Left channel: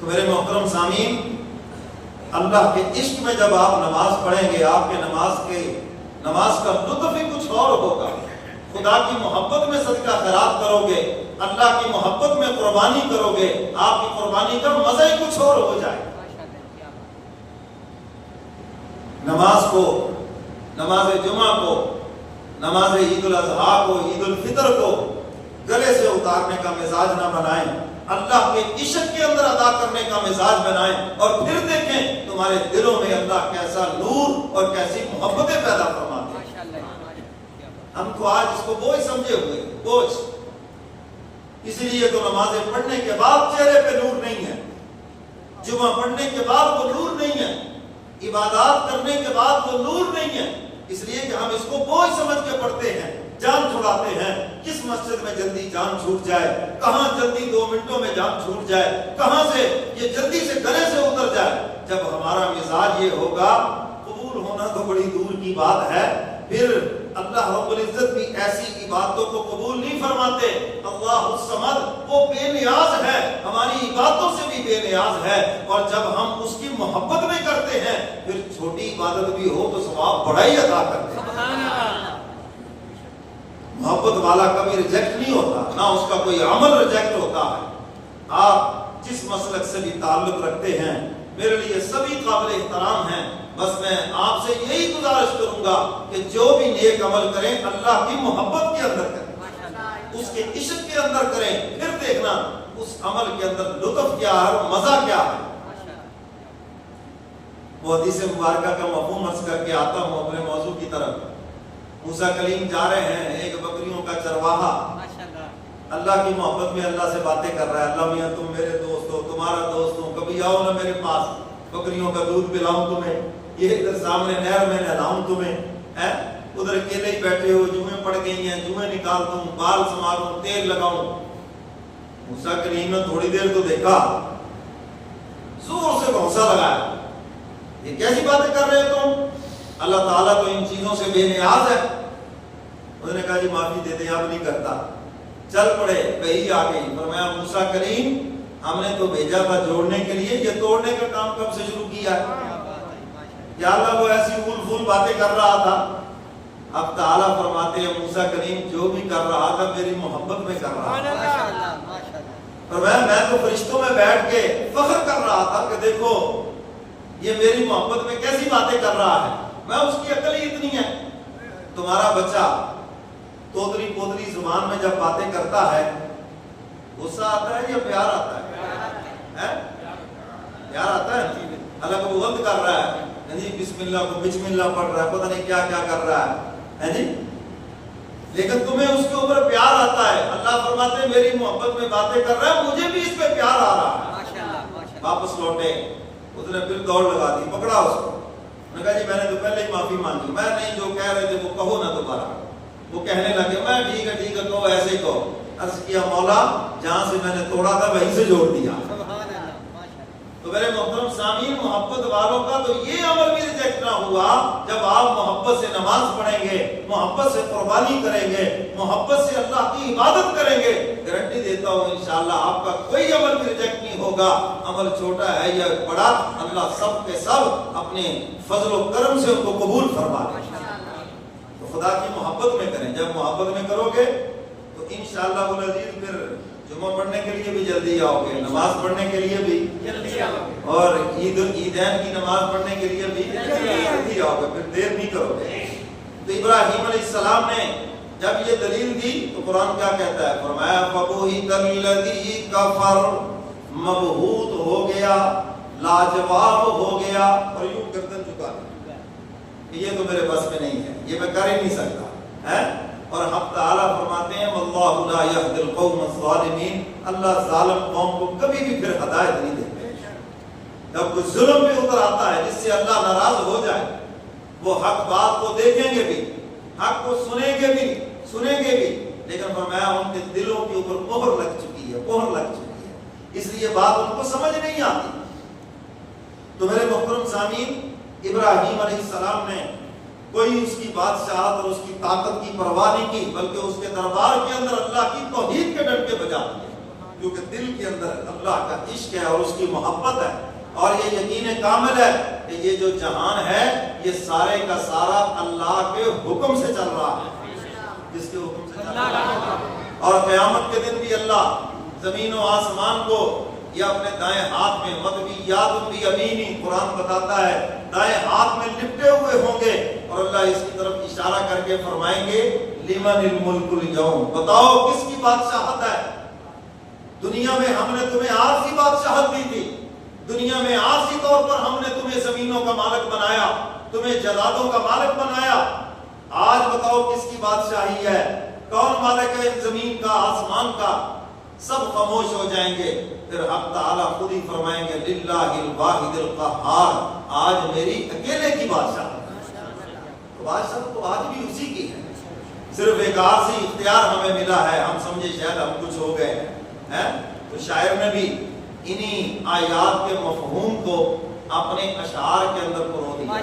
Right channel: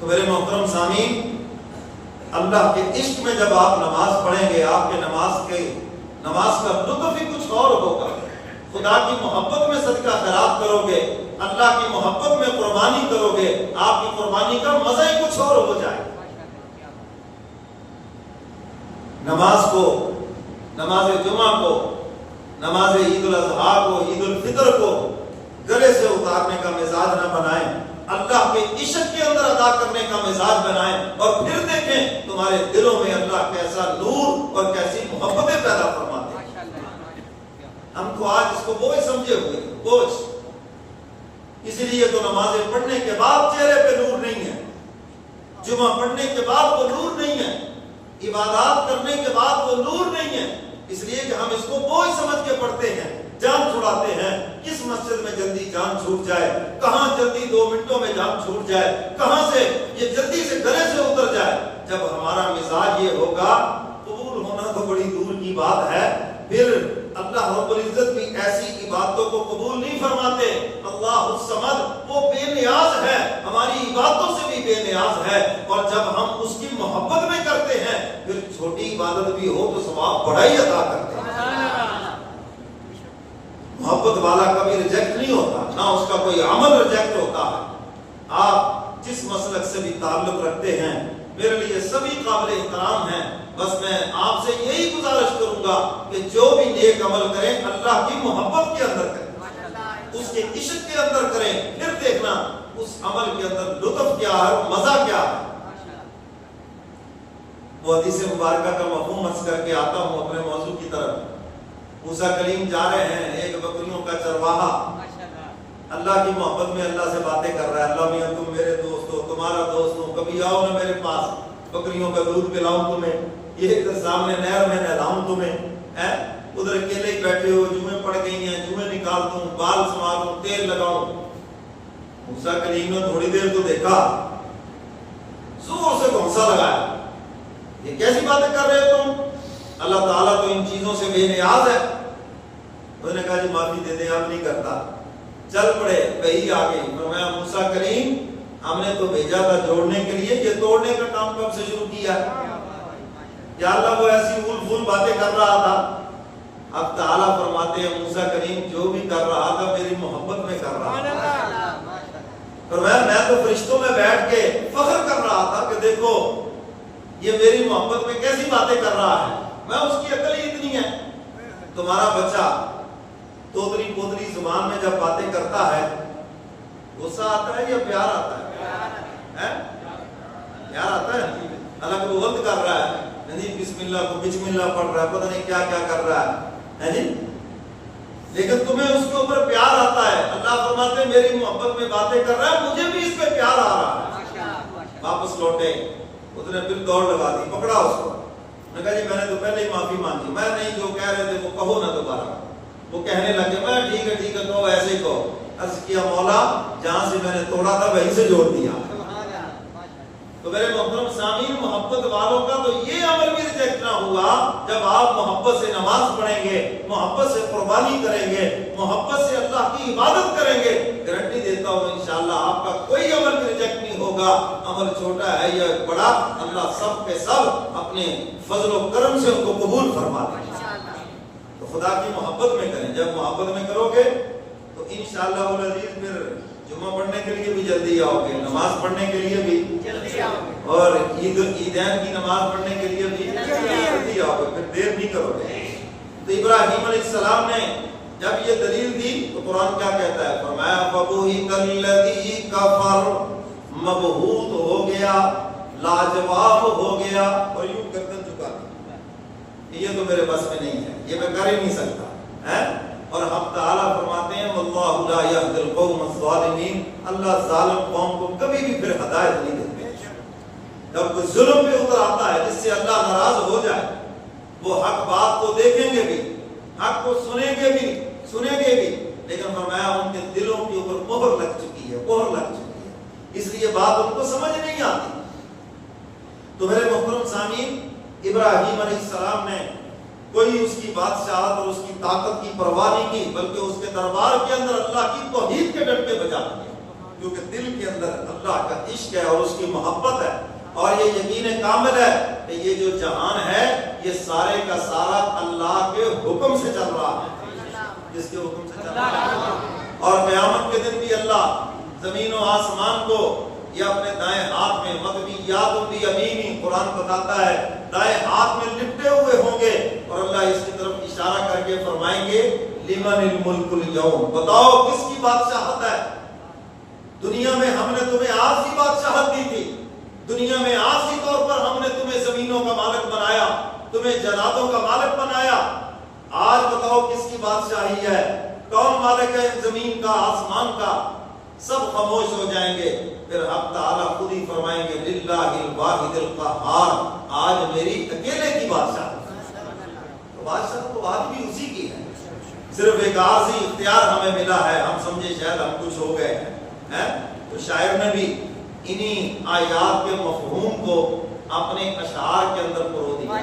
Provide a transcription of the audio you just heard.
تو میرے محترم سامعین، اللہ کے عشق میں جب آپ نماز پڑھیں گے، آپ کے نماز کا لطف ہی کچھ اور ہوگا۔ خدا کی محبت میں صدقہ خیرات کرو گے، اللہ کی محبت میں قربانی کرو گے، آپ کی قربانی کا مزہ ہی کچھ اور ہو جائے۔ نماز کو، نماز جمعہ کو، نماز عید الاضحیٰ کو، عید الفطر کو گلے سے اتارنے کا مزاج نہ بنائیں، اللہ کے عشق کے اندر ادا کرنے کا مزاج بنائیں، اور پھر دیکھیں تمہارے دلوں میں اللہ کیسا نور اور کیسی محبتیں پیدا فرماتے ہیں۔ ہم تو آج اس کو بوجھ سمجھے ہوئے، بوجھ، اس لیے تو نمازیں پڑھنے کے بعد چہرے پہ نور نہیں ہے، جمعہ پڑھنے کے بعد وہ نور نہیں ہے، عبادات کرنے کے بعد وہ نور نہیں ہے، اس لیے کہ ہم اس کو بوجھ سمجھ کے پڑھتے ہیں، جان چھڑاتے ہیں۔ کس مسجد میں جلدی جان چھوٹ جائے، کہاں جلدی 2 منٹوں میں جان چھوٹ جائے، کہاں سے یہ جلدی سے گلے سے اتر جائے۔ جب ہمارا مزاج یہ ہوگا، قبول ہونا تو بڑی دور کی بات ہے، پھر اللہ رب العزت بھی ایسی عبادتوں کو قبول نہیں فرماتے۔ اللہ الصمد، وہ بے نیاز ہے، ہماری عبادتوں سے بھی بے نیاز ہے، اور جب ہم اس کی محبت میں کرتے ہیں، پھر چھوٹی عبادت بھی ہو تو ثواب بڑا ہی عطا کرتے ہیں۔ محبت والا کبھی ریجیکٹ نہیں ہوتا، نہ اس کا کوئی عمل ریجیکٹ ہوتا ہے۔ آپ جس مسلک سے بھی تعلق رکھتے ہیں، میرے لیے سبھی قابل احترام ہیں، بس میں آپ سے یہی گزارش کروں گا کہ جو بھی نیک عمل کریں اللہ کی محبت کے اندر کریں، اس کے عشق کے اندر کریں، پھر دیکھنا اس عمل کے اندر لطف کیا ہے، مزہ کیا ہے۔ وہ حدیث مبارکہ کا مفہوم عرض کر کے آتا ہوں اپنے موضوع کی طرف۔ موسیٰ کلیم جا رہے ہیں، ایک بکریوں کا چرواہا اللہ کی محبت میں اللہ سے باتیں کر رہا ہے، اللہ میاں تم میرے دوست ہو، تمہارا دوست ہوں، کبھی آؤ نا میرے پاس، بکریوں کا دودھ پلاؤں تمہیں، یہ ادھر سامنے نہر میں نہلاؤں تمہیں، ادھر اکیلے ہی بیٹھے ہو، جوئیں پڑ گئی ہیں، جوئیں نکال دوں، بال سنواروں، تیل لگاؤں۔ موسیٰ کلیم نے تھوڑی دیر تو دیکھا، زور سے گھونسا لگایا، یہ کیسی باتیں کر رہے ہو تم، اللہ تعالیٰ تو ان چیزوں سے بے نیاز ہے۔ انہوں نے کہا جی معافی دے دیں، اب نہیں کرتا۔ چل پڑے، وحی آ گئی، فرمایا موسیٰ کریم ہم نے تو بھیجا تھا جوڑنے کے لیے، یہ توڑنے کا کام کب سے شروع کیا؟ یا اللہ وہ ایسی اول پھول باتیں کر رہا تھا۔ اب تعالیٰ فرماتے ہیں موسیٰ کریم جو بھی کر رہا تھا میری محبت میں کر رہا تھا۔ فرمایا میں تو فرشتوں میں بیٹھ کے فخر کر رہا تھا کہ دیکھو یہ میری محبت میں کیسی باتیں کر رہا ہے، میں اس کی عقل ہی اتنی ہے۔ تمہارا بچہ توتلی پوتلی زبان میں جب باتیں کرتا ہے، غصہ آتا ہے یا پیار آتا ہے؟ پیار آتا ہے، حالانکہ وہ غلط کر رہا ہے، جی بسم اللہ کو بسم اللہ پڑھ رہا ہے، پتہ نہیں کیا کیا کر رہا ہے جی، لیکن تمہیں اس کے اوپر پیار آتا ہے۔ اللہ فرماتے ہیں میری محبت میں باتیں کر رہا ہے، مجھے بھی اس پہ پیار آ رہا ہے۔ واپس لوٹے، اس نے پھر دوڑ لگا دی، پکڑا اس کو، نے کہا جی میں نے تو پہلے ہی معافی مانگی، میں نہیں جو کہہ رہے تھے وہ کہو نہ دوبارہ۔ وہ کہنے لگے میں ٹھیک ہے کہو، ایسے کہو۔ عرض کیا مولا جہاں سے میں نے توڑا تھا وہیں سے جوڑ دیا۔ تو میرے محترم سامعین، محبت والوں کا تو یہ عمل بھی ریجیکٹ نہ ہوا جب آپ محبت سے نماز پڑھیں گے، محبت سے قربانی کریں گے، محبت سے اللہ کی عبادت کریں گے، گارنٹی دیتا ہوں انشاءاللہ آپ کا کوئی عمل بھی ریجیکٹ نہیں ہوگا۔ عمل چھوٹا ہے یا بڑا، اللہ سب کے سب اپنے فضل و کرم سے ان کو قبول فرما دے۔ تو خدا کی محبت میں کریں، جب محبت میں کرو گے تو انشاءاللہ العزیز پھر جمعہ پڑھنے کے لیے بھی جلدی آؤ گے، نماز پڑھنے کے لیے بھی جلدی آؤ گے، اور عیدین کی نماز پڑھنے کے لیے بھی جلدی آؤ گے، پھر دیر نہیں کرو گے۔ تو ابراہیم علیہ السلام نے جب یہ دلیل دی تو قرآن کیا کہتا ہے؟ فرمایا فَبُهِتَ الَّذِي كَفَرَ، مبہوت ہو گیا، لاجواب ہو گیا، اور یوں گردن چکا دی، یہ تو میرے بس میں نہیں ہے، یہ میں کر ہی نہیں سکتا ہے۔ اور ہم تعالیٰ فرماتے ہیں وَاللَّهُ لَا يَهْدِي الْقَوْمَ الظَّالِمِينَ، اللہ ظالم قوم کو کبھی بھی پھر ہدایت نہیں دیتے۔ جب کوئی ظلم پہ اتر آتا ہے جس سے اللہ ناراض ہو جائے، وہ حق بات کو دیکھیں گے بھی، حق کو سنیں گے بھی، لیکن فرمایا ان کے دلوں کے اوپر مہر لگ چکی ہے، اس لیے بات ان کو سمجھ نہیں آتی۔ تو میرے محترم سامعین، ابراہیم علیہ السلام نے کوئی اس کی بادشاہت اور اس کی طاقت کی پرواہ نہیں کی، بلکہ اس کے دربار کے اندر اللہ کی توحید کے ڈنڈے بجا دیے۔ کیونکہ دل کے اندر اللہ کا عشق ہے اور اس کی محبت ہے، اور یہ یقین کامل ہے کہ یہ جو جہان ہے یہ سارے کا سارا اللہ کے حکم سے چل رہا ہے، جس کے حکم سے چل رہا ہے۔ اور قیامت کے دن بھی اللہ زمین و آسمان کو یا اپنے دائیں ہاتھ میں مطویات بیمینی، قرآن بتاتا ہے دائیں ہاتھ میں لپٹے ہوئے ہوں گے، اور اللہ اس کی طرف اشارہ کر کے فرمائیں گے لمن الملک اليوم، بتاؤ کس کی بادشاہت ہے؟ دنیا میں ہم نے تمہیں عارضی بادشاہت دی تھی، دنیا میں عارضی طور پر ہم نے تمہیں زمینوں کا مالک بنایا، تمہیں جناتوں کا مالک بنایا، آج بتاؤ کس کی بادشاہی ہے؟ کون مالک ہے زمین کا آسمان کا؟ سب خاموش ہو جائیں گے، پھر اب تعالیٰ خود ہی فرمائیں گے للہ الواحد القہار، آج میری اکیلے کی بادشاہت ہے۔ تو بادشاہت تو آج بھی اسی کی ہے، صرف ایک عارضی اختیار ہمیں ملا ہے، ہم سمجھے شاید ہم کچھ ہو گئے ہیں۔ تو شاعر نے بھی انہی آیات کے مفہوم کو اپنے اشعار کے اندر پرو دیا۔